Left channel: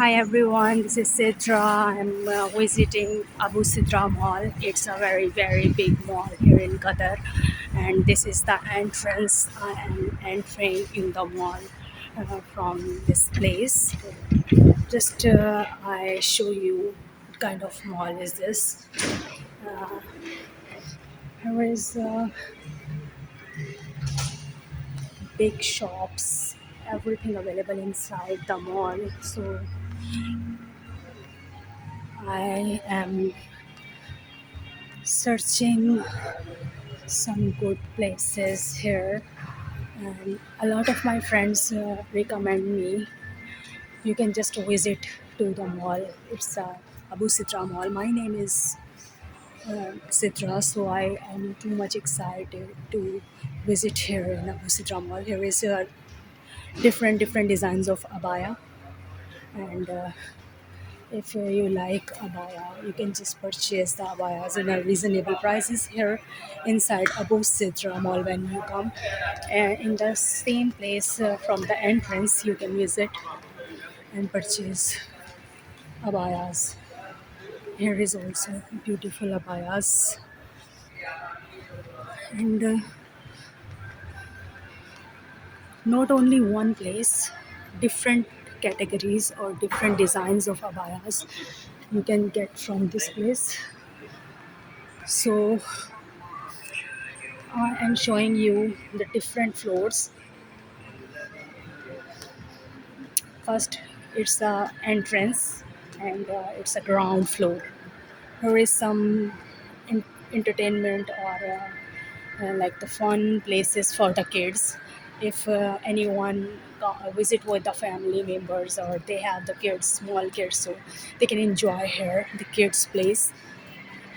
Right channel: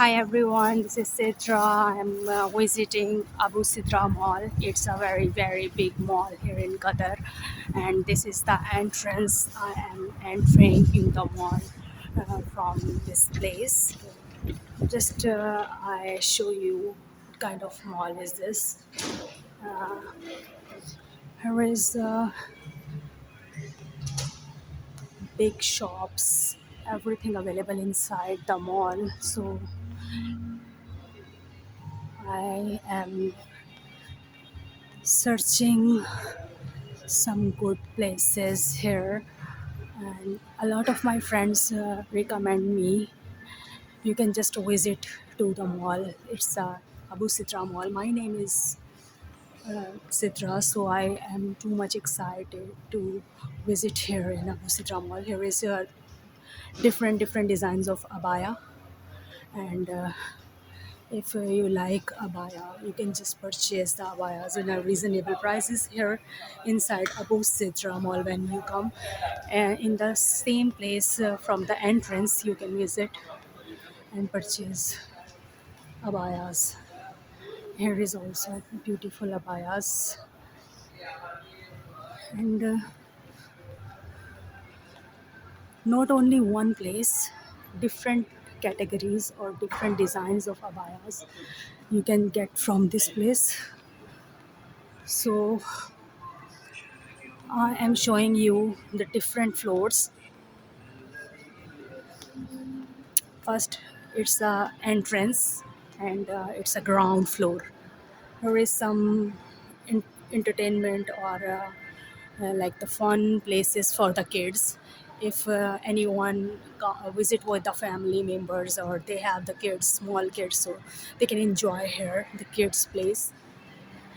Hi everyone, this is Sidra. I'm visiting Abu Sidra Mall. It's a very big mall here in Qatar, and this is the entrance. I am entering in the mall from this place. Just I show you what kind of mall is this. Uh, here is big shops, everything available inside the mall. So I am searching some good places here, and a lot of my friends recommend me you can just visit to the mall. It's Abu Sitra Mall. My name is Sitra, so I am too much excited to visit here in Abu Sitra Mall. Here is different designs of abaya, and if you like abaya, you can just purchase the abayas in a reasonable prices here inside Abu Sidra Mall when you come. In the same place from the entrance, you can visit and purchase abayas. Here is also beautiful abayas, and not only one place, different categories or different designs of abayas you can get from this place. So I am showing you the different floors. First, it's the entrance, and it's a ground floor. Here is some entertainment or like the fun places for the kids. If anyone visit with the family members or they have the kids, small kids, so they can enjoy here the kids place.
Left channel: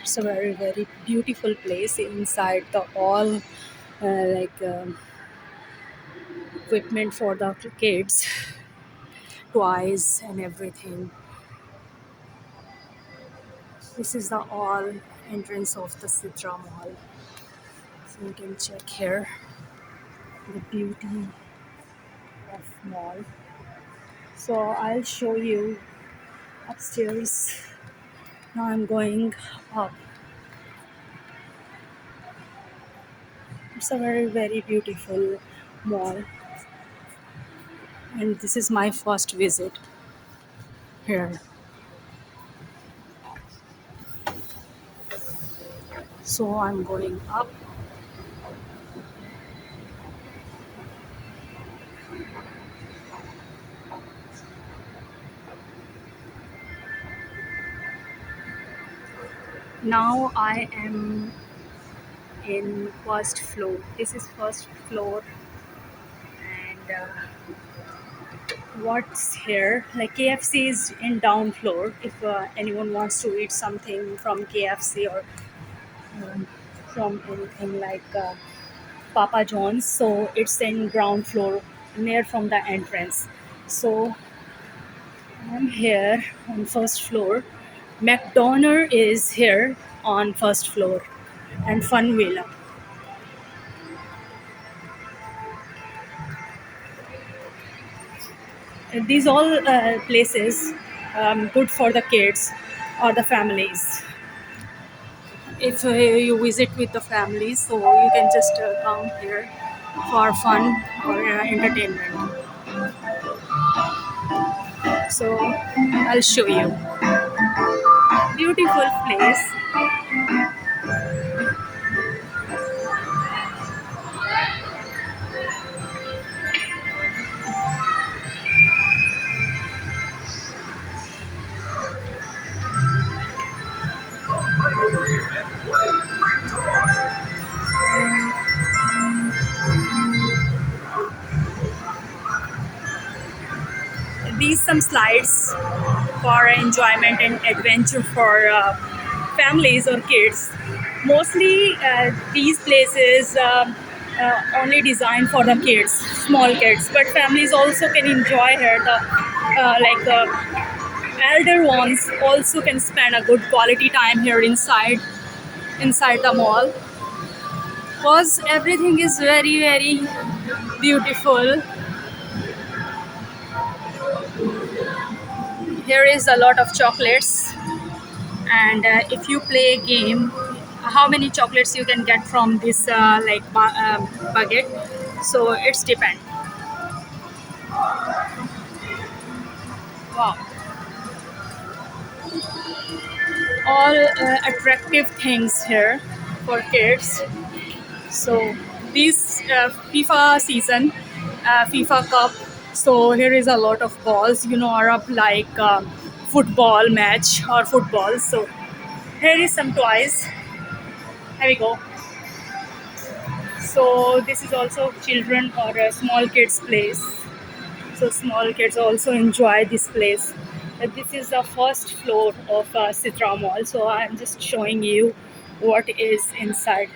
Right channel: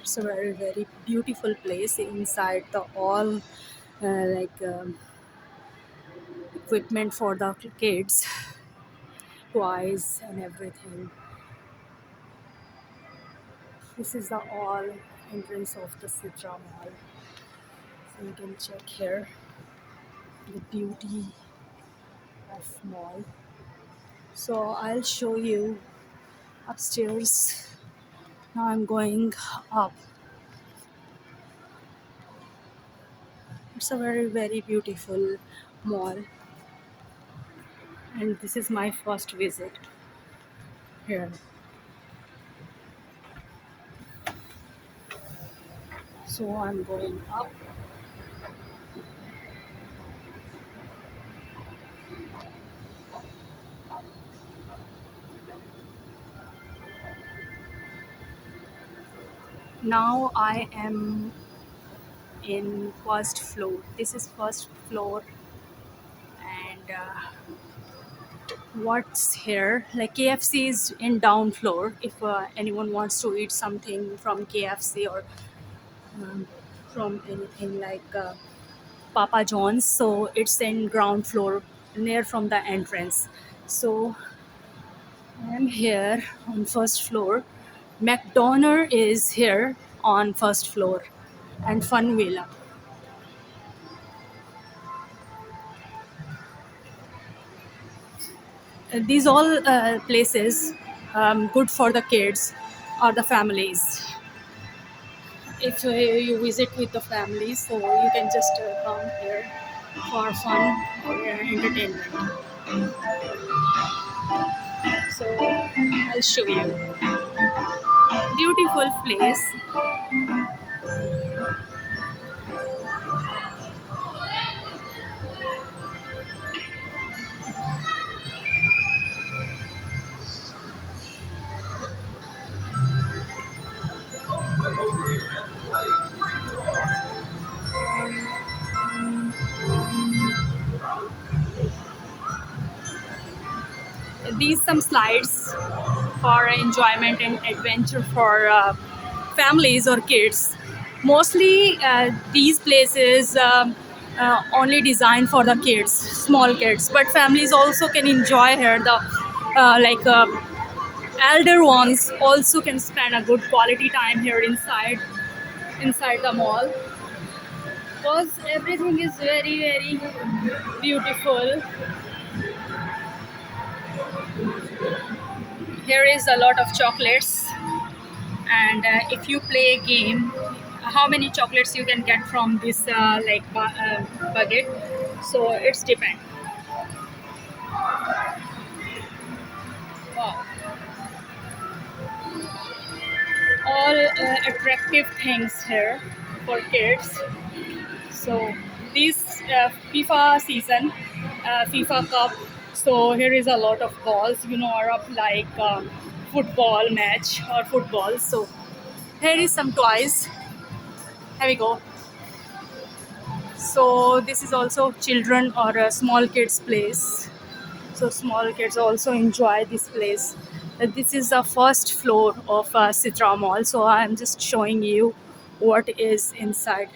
It's a very beautiful place inside the all equipment for the kids, toys and everything. This is the all entrance of the Sidra Mall. So you can check here the beauty of mall. So I'll show you upstairs. Now I'm going up. It's a very beautiful mall, and this is my first visit here. So I'm going up. Now I am in first floor. This is first floor, and what's here like KFC is in down floor. If anyone wants to eat something from KFC or um, from anything like Papa John's, so it's in ground floor near from the entrance. So I'm here on first floor. McDonald is here on first floor, and Fun Villa. And these all places good for the kids or the families. If you visit with the family, so you can just come here for fun or entertainment. So I'll show you beautiful place. These some slides for enjoyment and adventure for families or kids. Mostly these places only designed for the kids, small kids, but families also can enjoy here. The elder ones also can spend a good quality time here inside the mall, because everything is very beautiful. Here is a lot of chocolates, and if you play a game, how many chocolates you can get from this bucket. So it's depend. Wow, all attractive things here for kids. So this FIFA season, FIFA Cup. So here is a lot of balls. Arab like football match or football. So here is some toys. Here we go. So this is also children or small kids place. So small kids also enjoy this place. This is the first floor of Sitra Mall. So I'm just showing you what is inside,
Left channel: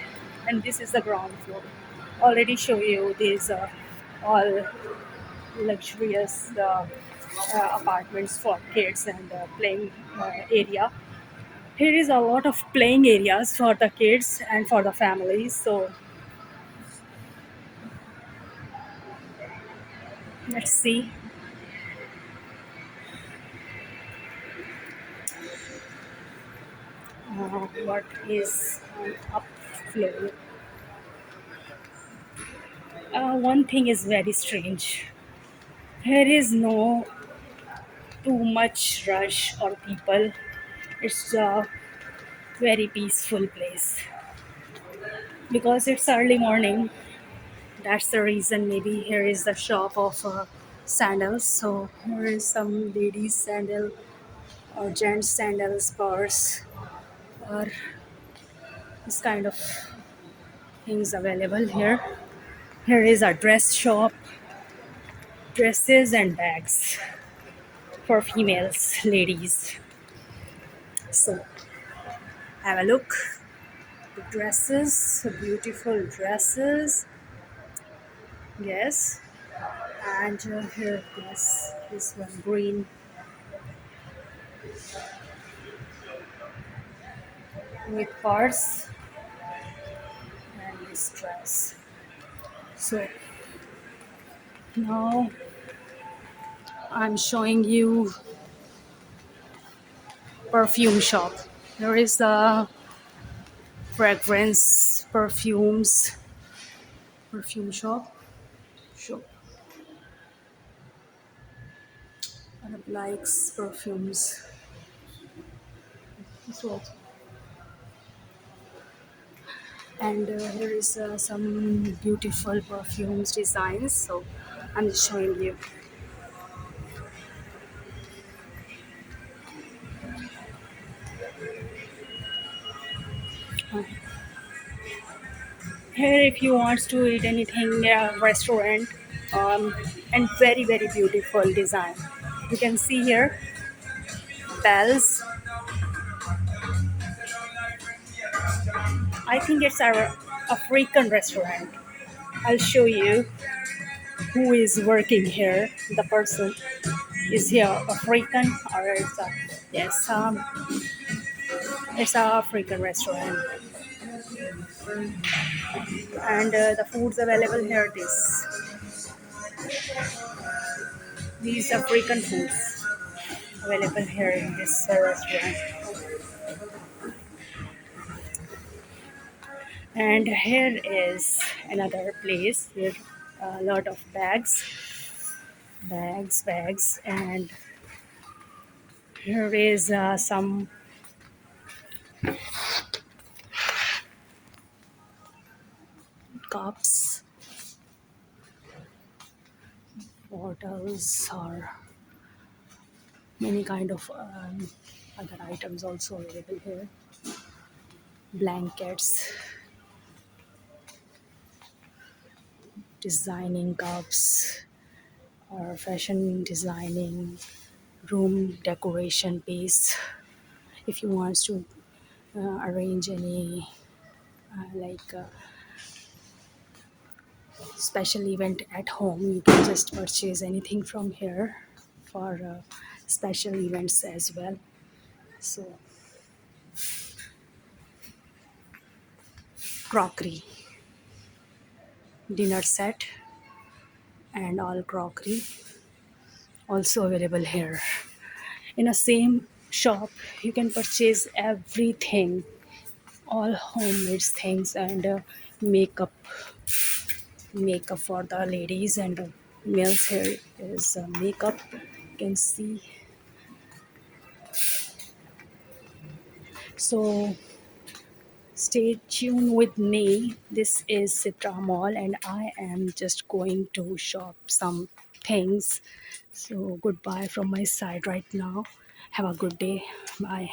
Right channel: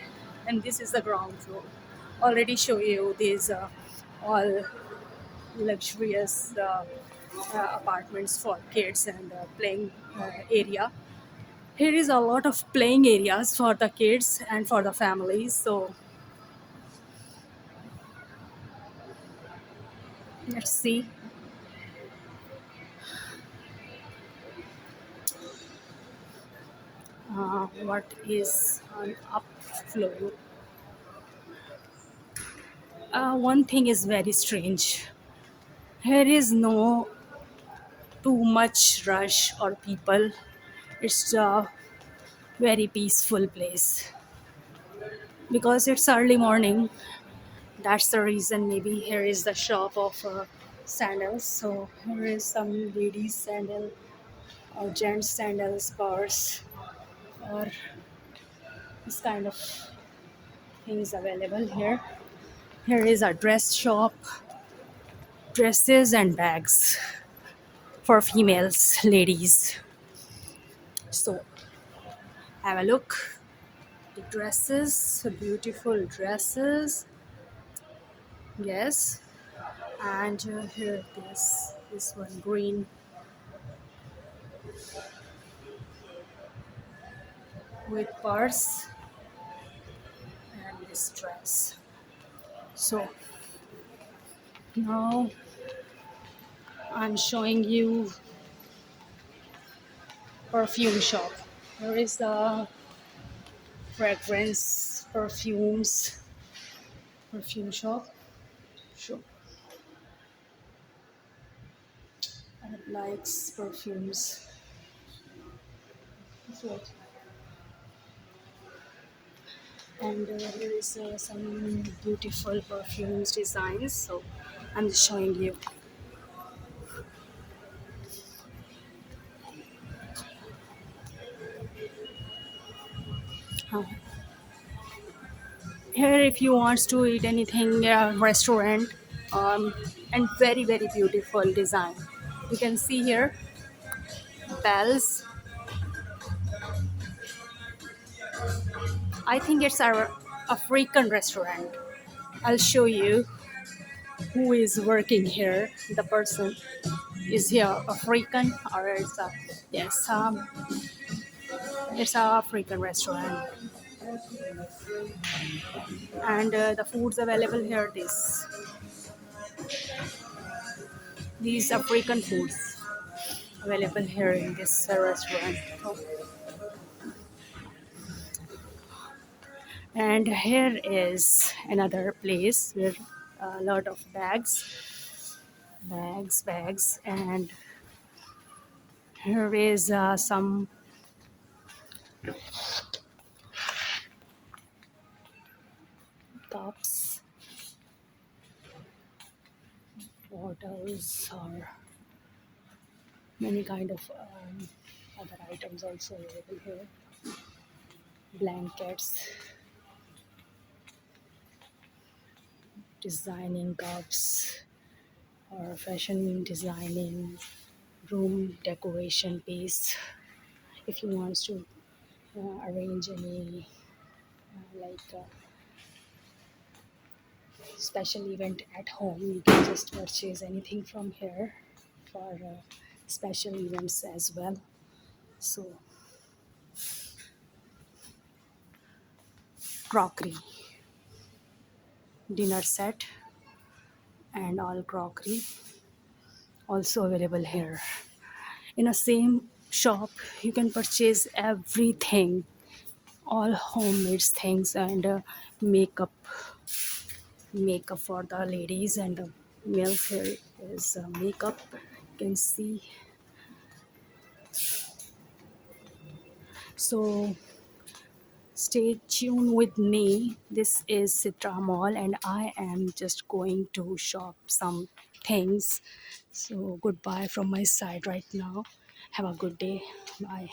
and this is the ground floor. Already show you these all luxurious apartments for kids and playing area. Here is a lot of playing areas for the kids and for the families. So let's see what is on up floor. One thing is very strange. Here is no too much rush or people. It's a very peaceful place because it's early morning. That's the reason. Maybe here is the shop of sandals. So here is some ladies sandal or gents sandals, purse, or this kind of things available here. Here is a dress shop, dresses and bags for females, ladies. So have a look. The dresses, beautiful dresses. Yes, and here this one green with purse and this dress. So now I'm showing you perfume shop. There is a fragrance perfume shop. Sure. Arab likes perfumes. So, and here is some beautiful perfumes designs. So I'm just showing you. Uh, Here, if you want to eat anything, restaurant, and very very beautiful design. You can see here bells. I think it's a African restaurant. I'll show you who is working here. The person is here African or yes, it's a African restaurant, and the foods available here. These African foods available here in this restaurant. And here is another place with a lot of bags, and here is some cups, bottles, or many kind of other items also available here. Blankets, designing cups, or fashion designing, room decoration piece. If you want to arrange any special event at home, you can just purchase anything from here for special events as well. So crockery, dinner set, and all crockery also available here. In a same shop, you can purchase everything, all homemade things, and makeup for the ladies, and males here is makeup. You can see. So stay tuned with me. This is Citra Mall, and I am just going to shop some things. So goodbye from my side right now. Have a good day. Bye.